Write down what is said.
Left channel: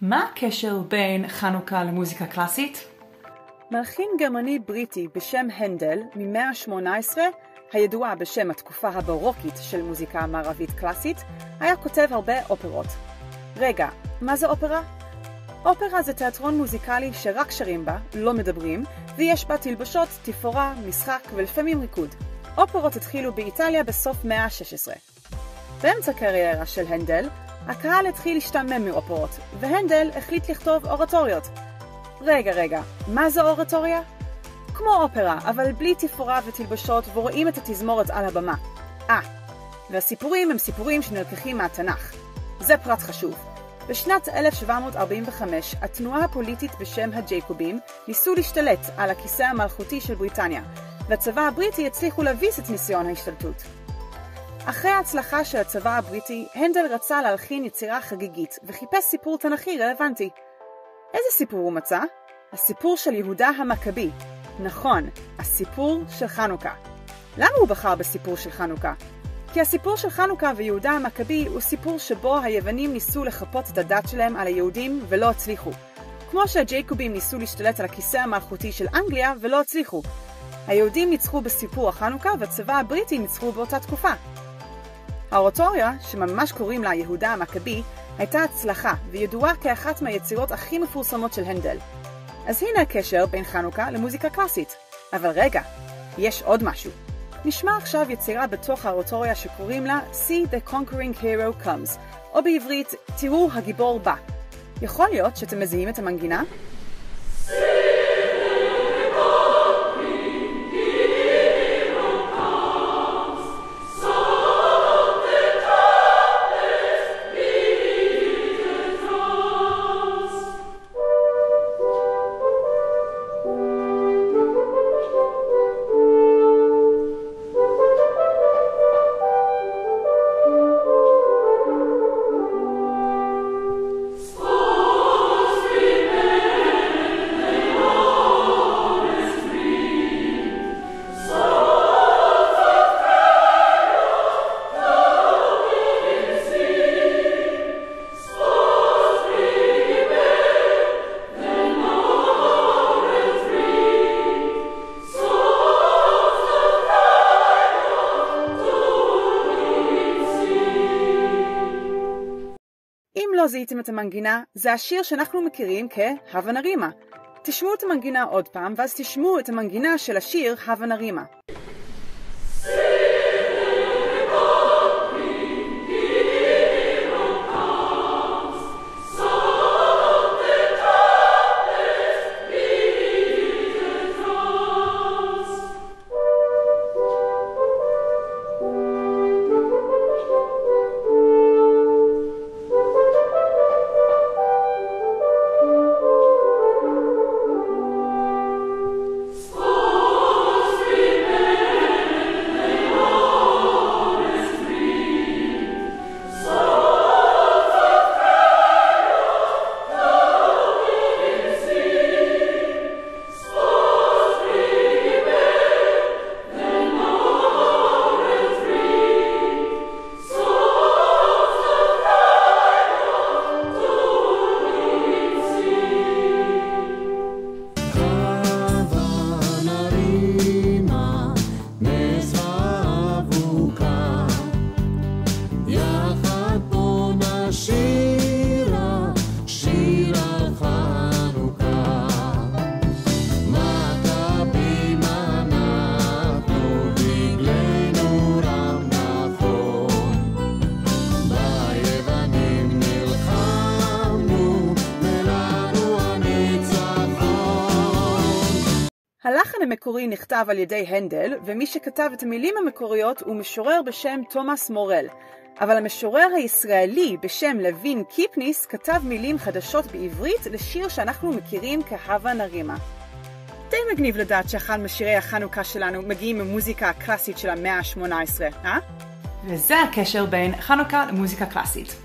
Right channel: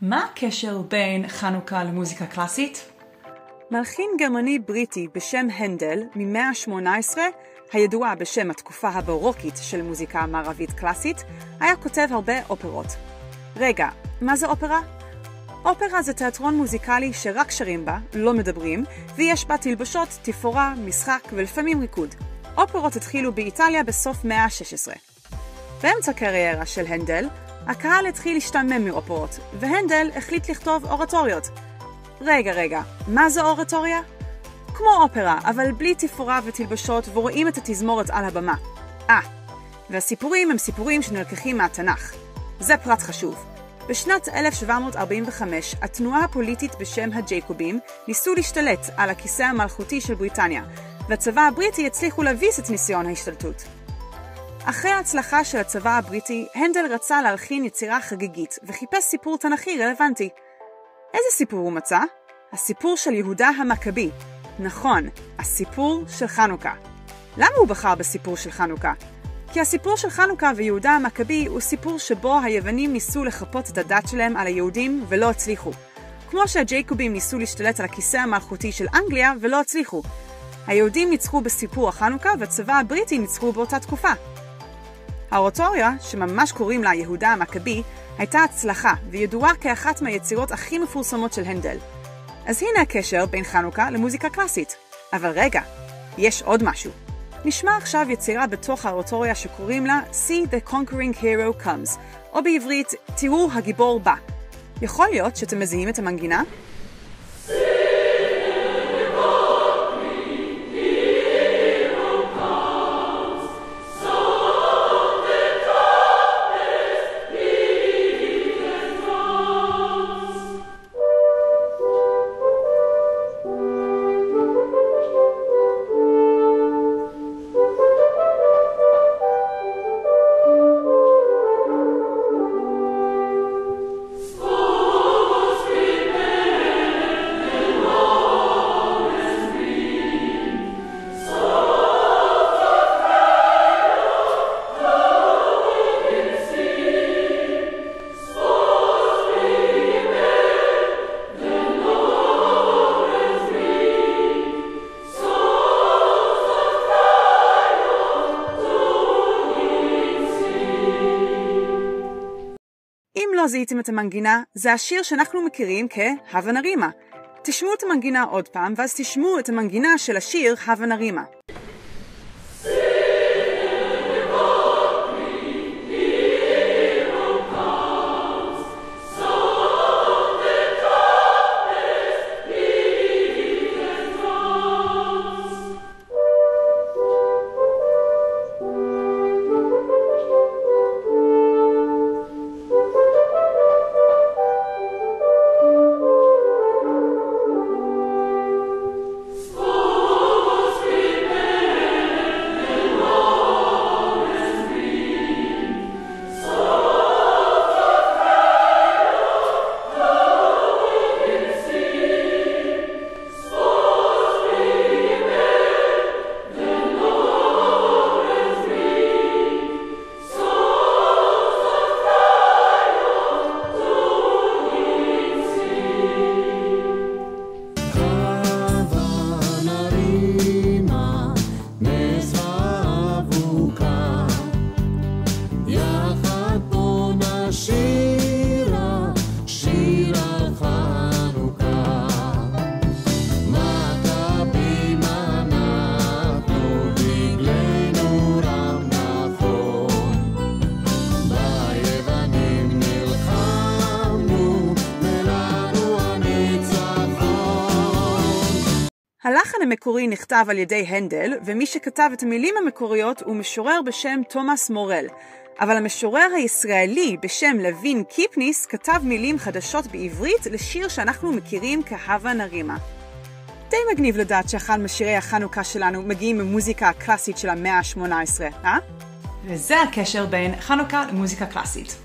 מה הקשר בין חנוכה למוזיקה קלאסית? מלחין גרמני בריטי בשם הנדל ממאה ה-18, הידועה בשם התקופה הברוקית של מוזיקה מערבית קלאסית, היה כותב הרבה אופרות. רגע, מה זה אופרה? אופרה זה תיאטרון מוזיקלי שרק שרים בה, לא מדברים, ויש בה תלבשות, תפאורה, משחק ולפעמים ריקוד. אופרות התחילו באיטליה בסוף מאה ה-16. באמצע קריירה של הנדל, הקהל התחיל להשתעמם מאופרות, והנדל החליט לכתוב אורטוריות. רגע, מה זו אורטוריה? כמו אופרה, אבל בלי תפאורה ותלבשות, ורואים את התזמורת על הבמה. והסיפורים הם סיפורים שנלקחים מהתנ"ך. זה פרט חשוב. בשנת 1745, התנועה הפוליטית בשם הג'ייקובים ניסו להשתלט על הכיסא המלכותי של בריטניה, והצבא הבריטי הצליחו להביס את ניסיון ההשתלטות. אחרי ההצלחה של הצבא הבריטי, הנדל רצה להלחין יצירה חגיגית וחיפש סיפור תנ"כי רלוונטי. איזה סיפור הוא מצא? הסיפור של יהודה המכבי. נכון, הסיפור של חנוכה. למה הוא בחר בסיפור של חנוכה? כי הסיפור של חנוכה ויהודה המכבי הוא סיפור שבו היוונים ניסו לחפות את הדת שלהם על היהודים ולא הצליחו. כמו שהג'ייקובים ניסו להשתלט על הכיסא המלכותי של אנגליה ולא הצליחו. היהודים ניצחו בסיפור החנוכה והצבא הבריטי ניצחו באותה תקופה. האורטוריה, שממש קוראים לה יהודה המכבי, הייתה הצלחה וידועה כאחת מהיצירות הכי מפורסמות של הנדל. אז הנה הקשר בין חנוכה למוזיקה קלאסית. אבל רגע, יש עוד משהו. נשמע עכשיו יצירה בתוך האורטוריה שקוראים לה See the Conquering Hero Comes, או בעברית, תראו הגיבור בא. יכול להיות שאתם מזהים את המנגינה? לא זיהיתם את המנגינה, זה השיר שאנחנו מכירים כהבה נרימה. תשמעו את המנגינה עוד פעם, ואז תשמעו את המנגינה של השיר הבה נרימה. הלחן המקורי נכתב על ידי הנדל, ומי שכתב את המילים המקוריות הוא משורר בשם תומאס מורל. אבל המשורר הישראלי בשם לוין קיפניס כתב מילים חדשות בעברית לשיר שאנחנו מכירים כהבה נרימה. די מגניב לדעת שאחד משירי החנוכה שלנו מגיעים ממוזיקה הקלאסית של המאה ה-18, אה? וזה הקשר בין חנוכה למוזיקה קלאסית.